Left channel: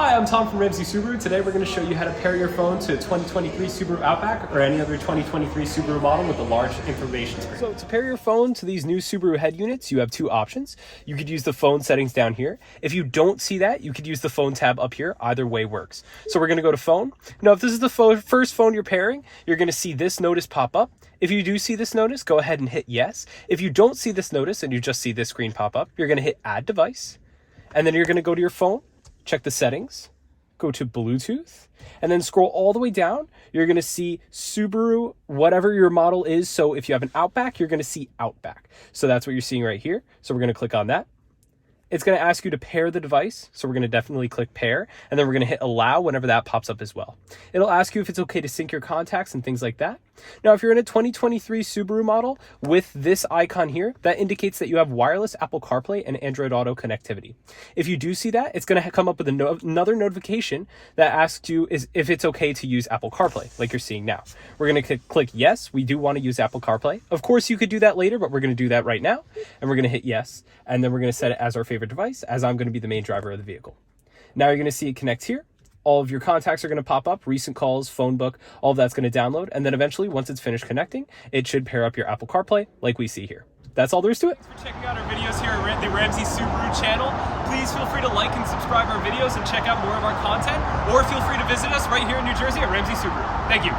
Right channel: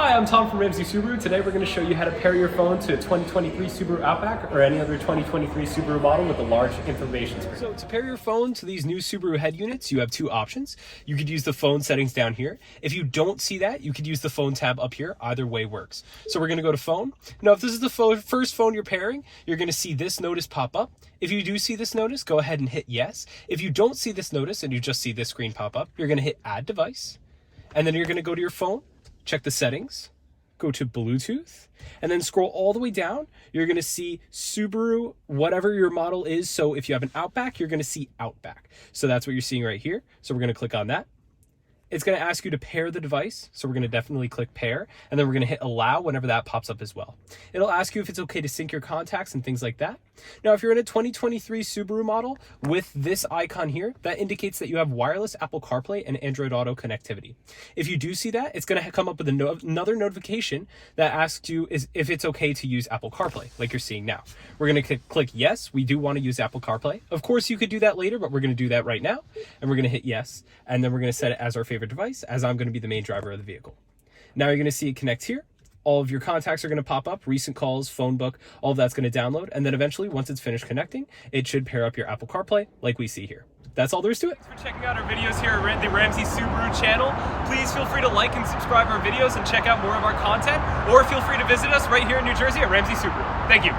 Hi, I'm Tom from Ramsey Subaru. Today we're going to show you how to pair your phone to a 2023 Subaru Outback or any other 2023 Subaru model with a large information screen. So to pair your phone to these new Subaru head units, you have two options. You could use the phone settings down here. If you don't see that, you could use the phone tab up here. Either way works. So we're going to go to phone. Now, if this is the first phone you're pairing, you're going to see this notice pop up. If you do see this notice, go ahead and hit yes. If you don't see this notice and you just see this screen pop up, you're going to hit add device. And then you're going to go to your phone, check the settings, go to Bluetooth, and then scroll all the way down. You're going to see Subaru, whatever your model is. So if you have an Outback, you're going to see Outback. So that's what you're seeing right here. So we're going to click on that. It's going to ask you to pair the device. So we're going to definitely click pair, and then we're going to hit allow whenever that pops up as well. It'll ask you if it's okay to sync your contacts and things like that. Now, if you're in a 2023 Subaru model with this icon here, that indicates that you have wireless Apple CarPlay and Android Auto connectivity. If you do see that, it's going to come up with another notification that asks you if it's okay to use Apple CarPlay, like you're seeing now. We're going to click yes. We do want to use Apple CarPlay. Of course, you could do that later, but we're going to do that right now. And we're going to hit yes. And then we're going to set it as our favorite device, as I'm going to be the main driver of the vehicle. Now you're going to see it connect here. All of your contacts are going to pop up, recent calls, phone book, all of that's going to download. And then eventually, once it's finished connecting, it should pair up your Apple CarPlay like we see here. That's all there is to it. Thanks for checking out our videos here at the Ramsey Subaru channel. Please feel free to like and subscribe our videos and check out more of our content, or feel free to visit us right here in New Jersey at Ramsey Subaru. Thank you.